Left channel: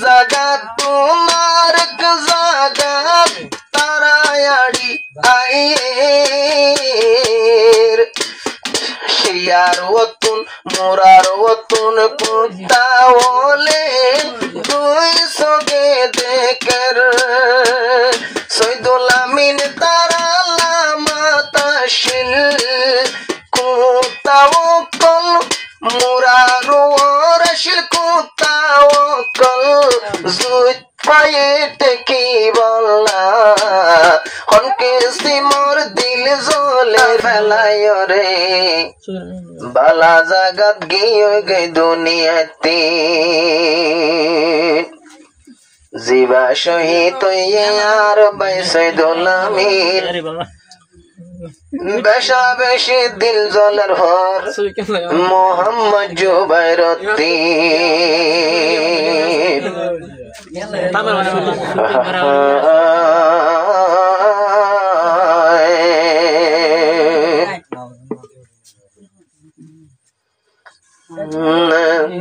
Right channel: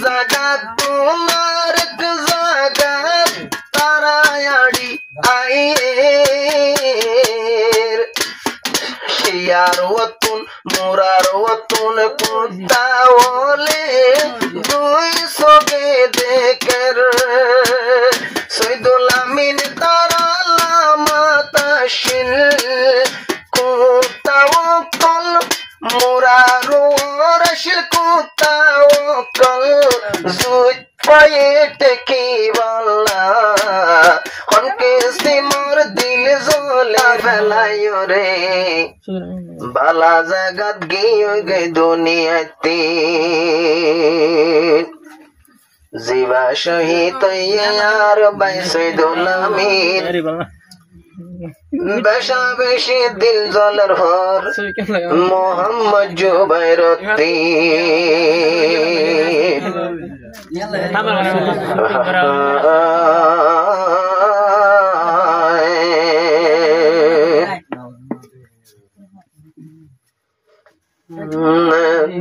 জাগাত তোমার জাগাত তারায়াড়ি আইয়ের শিয়ার ওতুন মোরার ওতুন কুত্তাওলে দুই সবে দেখের সৈদুল আমিন তারালা মাতাশিল কুত্তাওকল মোরার ওরশিল কুত্তাওকল জুত পায়েট কি বললা হনকে সিমর দিল জলে ফেলায় রে বালা জাগাত গিয়ে গে দুনিয়াতে জীবা শহীদ আর বাইসুল আমিন বেশা বেশি দিল জলের হর মোহাম্মদ জুবাইরতি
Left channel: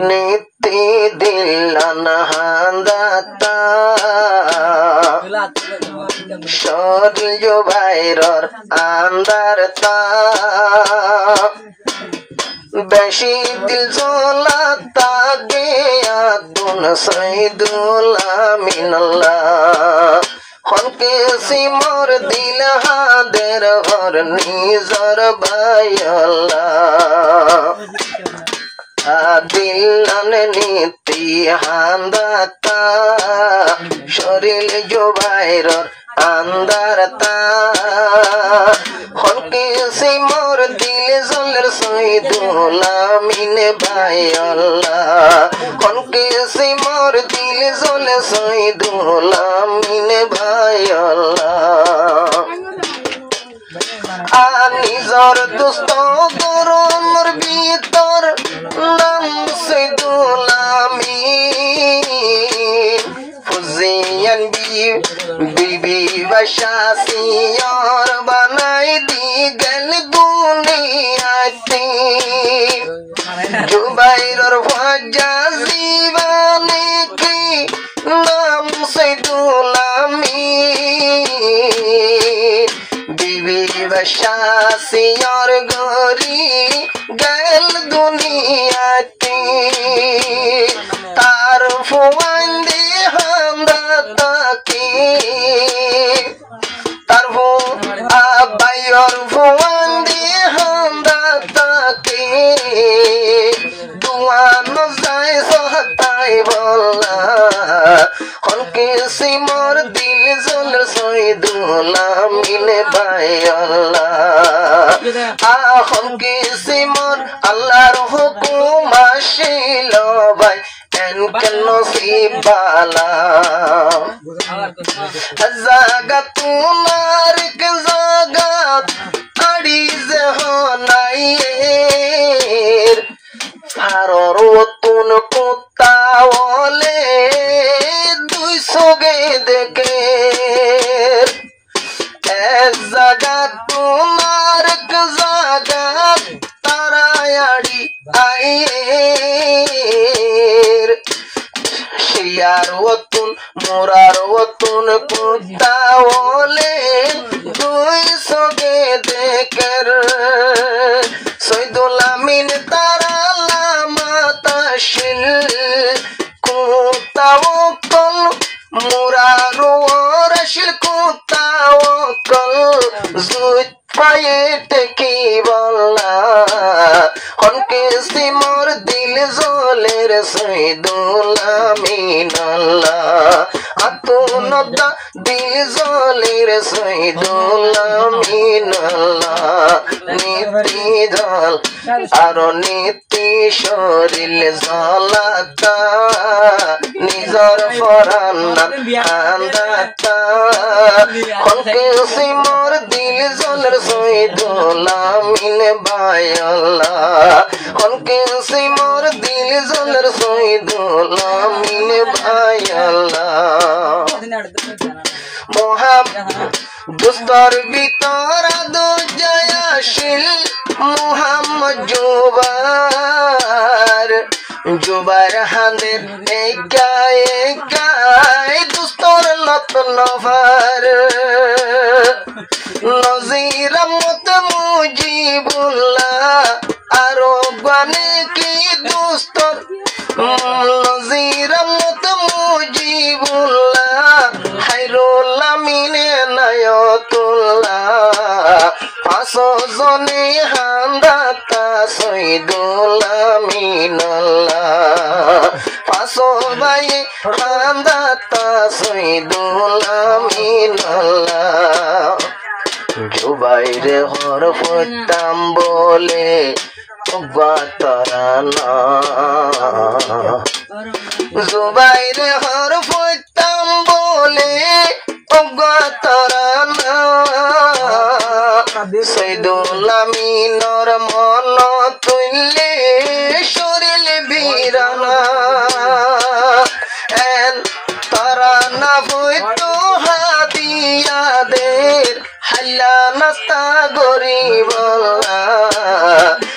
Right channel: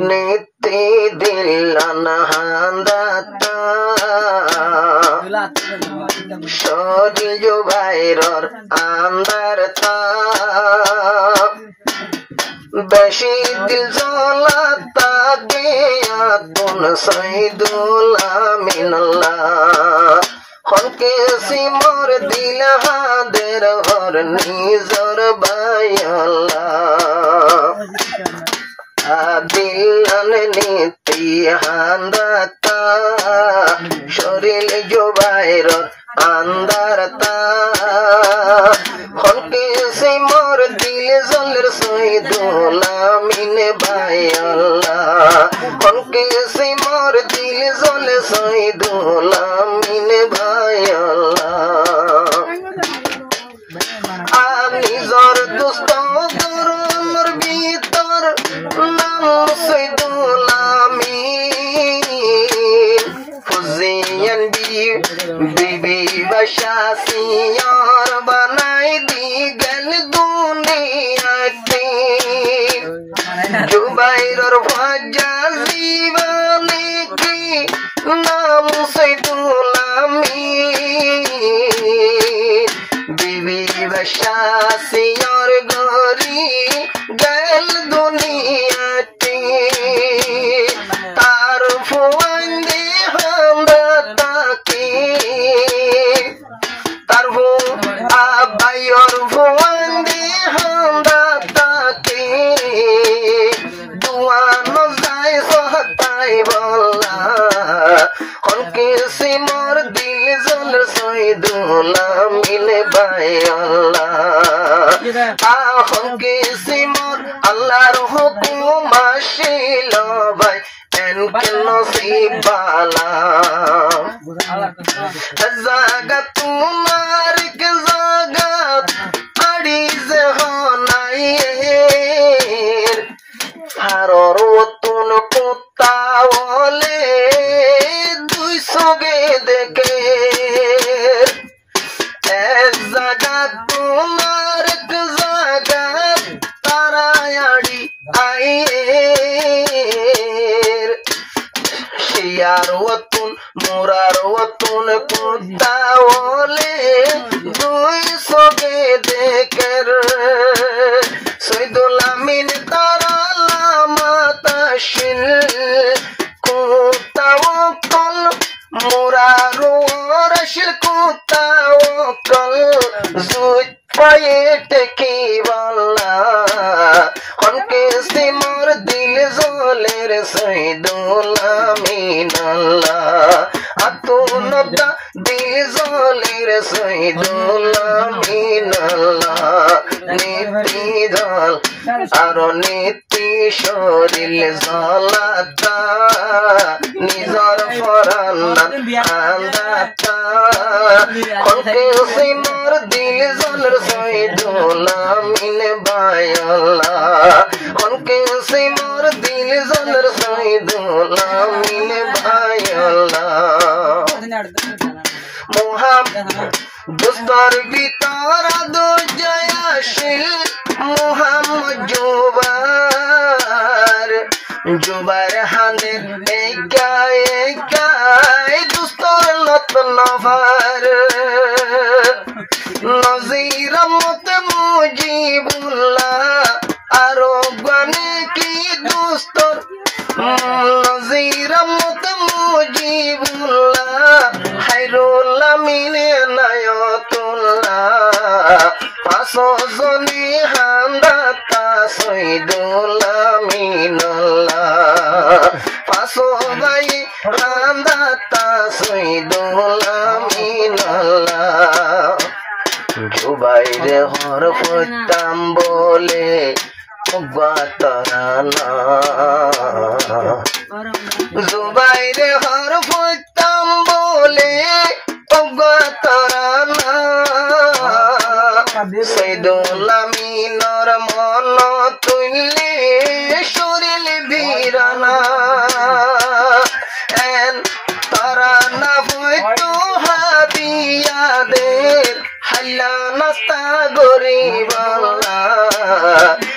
নীতি দিলান হান্দাতা শরীর জুবাইরর আন্দারতা বেশি দিল জলাতা গে আতুন সৈদুল আমিনাল্লাহ হনকে সিমর দিল হাদের হর নিজর বায়াল্লাহ দিলান নীতি হান্দাতা শরীর জুবাইরর আন্দারতা হনকে সিমর দিল জলের সৈদুল আমিন বায়াল্লাহ হনকে সিমর দিল জলে সৈদুল আমিন বায়াল্লাহ নিজর দুস্ত দরুর ভিতর নাম সৈদুল আমিন ফুজিয়ান বিবি বশাসিয়ার বানাই দি গেল দুনিয়াতে জুবাইরর ফাজা জীবনে কি নাম সৈদুল আমিন বিবি বশাসিয়ার গরি গেল দুনিয়াতে তার ফুয়ান্দি হামদাতাকে তার আব্বাইর ফুয়ান্দি হামদাতাকে দুয়া নজায় সহতাই বললা হনকে সিমর দিল জল সৈদুল আমিন বায়াল্লাহ হনকে সিমর আল্লাহর হুকুম আসিল ভাই এনকে নসিব বালা জাগাত তোমার জাগাত আড়ি যে হনাইয়ের হারর ওতুন কুত্তাওলে দুই সগে দেখে জাগাত তোমার জাগাত তারায়াড়ি আইয়ের শিয়ার ওতুন মোরার ওতুন কুত্তাওলে দুই সগে দেখের সৈদুল আমিন তারালা মাতাশিল কুত্তাওকল মোরার ওরশিল কুত্তাওকল জুত পায়েট কি বললা হনকে সিমর দিল জলের সৈদুল আমিনাল্লাহ আতুন দিল জলের সৈদুল আমিনাল্লাহ নীতি জল আর নীতি শরীর জলাতা নিজর ফরান্না আন্দাতা হনকে সিমর দিল জলের সৈদুল আমিন বায়াল্লাহ হনকে সিমর দিল জলের সৈদুল আমিন বায়াল্লাহ মোহাম্মদ দুস্তর ভিতর দো জয়াশীল মোহাম্মদ জুবার জুবাইর হানের একাই দুস্তর নতন ভার নজির মত মুজিবুল্লাহ আরো গনে কি দুস্তর নজির মত মুজিবুল্লাহ হাইরুল আমিন নায়াতুল্লাহ পাঁচশো জনে হান্দাতা সৈদুল আমিনুল্লাহ পাঁচশো ভাই হান্দাতা সৈদুল আমিনুল্লাহ জুবাইর হর পড়তাম বলে গাতরানা জুবাইর হর পড়তাম বলে গাতরানা সৈদুল আমিনর মন তুললে শরীর বীরানা তারানা হইতো হাদিয়াদের হাল্লা নাস্তা গরিবল্লা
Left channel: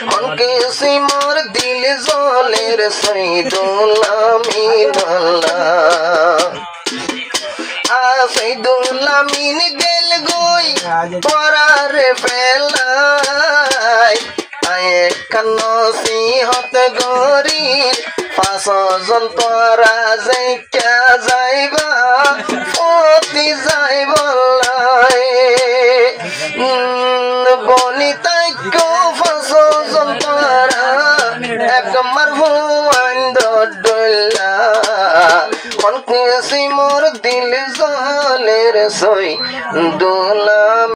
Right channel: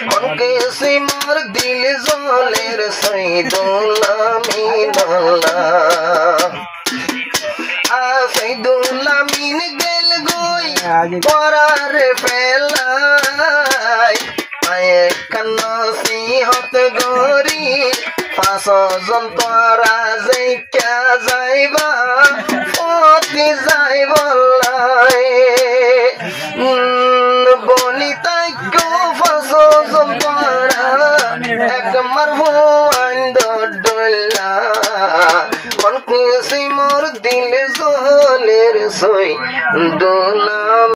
মনকে সিমর দিল জলের সৈদুল আমিনুল্লাহ সৈদুল আমিন গেল গই পরারে ফেলাই আয়ে কান্ন সিহত গরি পাঁচজন তোরা যাইকা যাইবা অতি যাইবলাই বনিতাই গো পাঁচজন তোরা একমার হুয়ান দডলা মনকে সিমর দিল জলের সই দোলা